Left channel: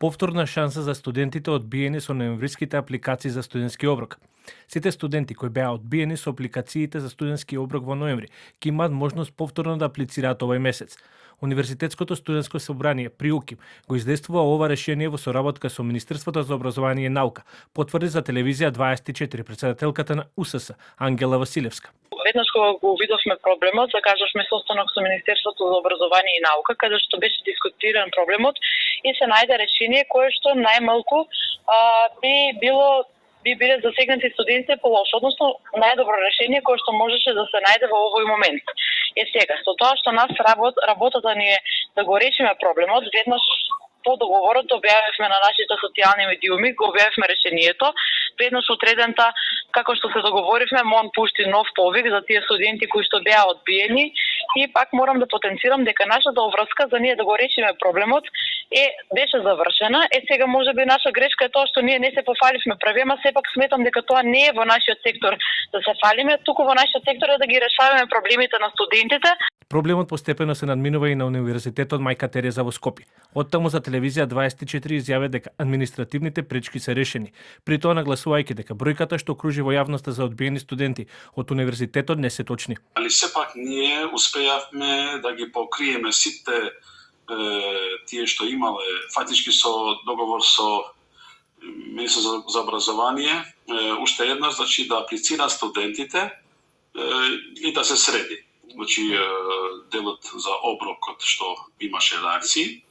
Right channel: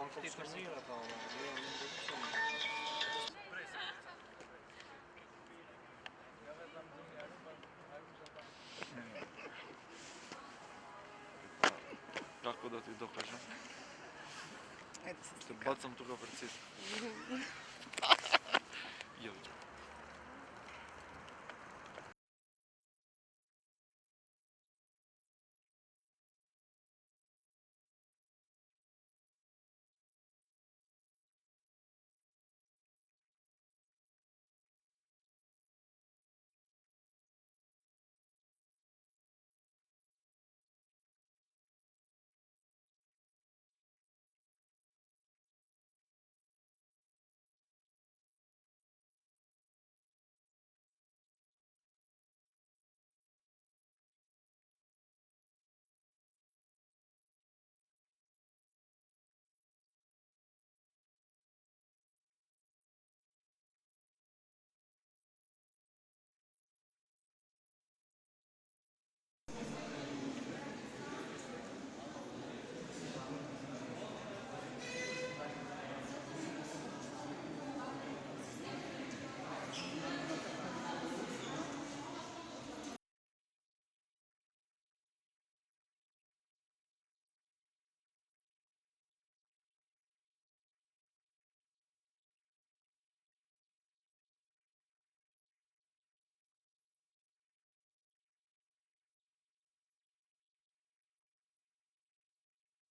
Повторна шанса за студентите одбиени со ноемвриските апликации за студентски оброк. Сите студенти кои беа одбиени со апликациите за студентски оброк во ноември ќе имаат можност повторно да аплицираат овој месец. Универзитетското студентско собрание при УКИ го издействува ова решение во соработка со Министерството за образование и наука, потврди за телевизија 24 претседателката на УСС Ангела Василевска. Веднаш кога го видовме проблемот, закажавме состанок со Министерството за образование и наука, каде што беше дискутиран проблемот и се најде решение кое што најмалку би биле засегнати студентите по лошо, односно најдобро решение кое што можеше да се најде во овој момент. Сега, со тоа што нас работата ни е да го решиме проблемот, веднаш по договорот објавивме на нашите социјални медиуми, го објавивме решението, веднаш утредента, како што се договоривме, МОН пушти нов повик за тие студенти кои што беа одбиени и пак морам да потенцирам дека нашата обврска за ние да го решиме проблемот беше завршена. Сега можеби наша грешка е тоа што ние не се пофаливме прави, ама сепак сметам дека тоа не е во нашиот сектор да се фалиме, туку во нашиот сектор е да ги решаваме проблемите на студентите. Проблемот постепено се надминува и на Универзитетот Мајка Тереза во Скопје. Оттаму за телевизија 24 изјавија дека административните пречки се решени, при тоа нагласувајќи дека бројката што кружи во јавноста за одбиени студенти од универзитетот не се точни. Али сепак ние успеавме да ги покриеме сите тие што имале фактички со договор со Министерството за образование, уште еднаш, значи да аплицира студентите и да се среди. Значи делот за оброкот што имаше реакции.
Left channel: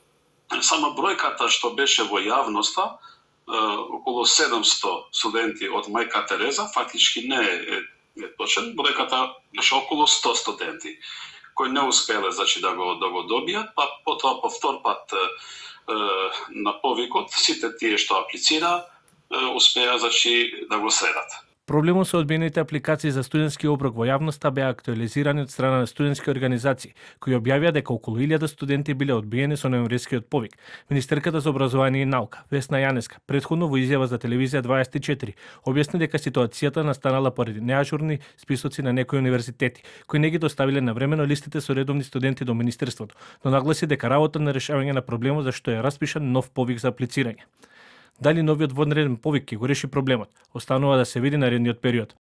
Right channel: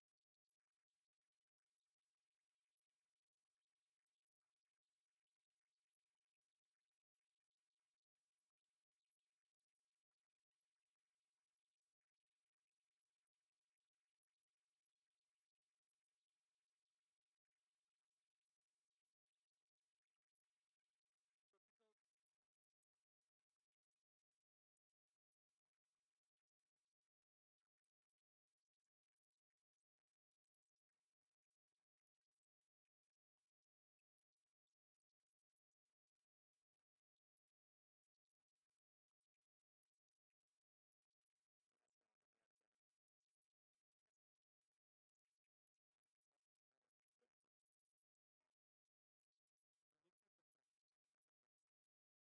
Сама бројката што беше во јавноста, околу 700 студенти од Мајка Тереза, фактички не е точен. Бројката беше околу 100 студенти кои не успеле, значи, да го добијат, па потоа по втор пат на повикот сите тие што аплицира успеа, значи, да го средат. Проблемот со одбиените апликации за студентски оброк во јавноста беа актуализирани од страна на студентски организации, кои објавија дека околу 1000 студенти биле одбиени со ноемврискиот повик. Министерката за образование и наука, Весна Јанеска, претходно во изјава за телевизија 24, објасни дека ситуацијата настанала поради неажурни списоци на некои универзитети, кои не ги доставиле навремено листите со редовни студенти до Министерството, но нагласи дека работа на решавање на проблемот зашто е распишан нов повик за аплицирање. Дали новиот вонреден повик ќе го реши проблемот, останува да се види наредниот период.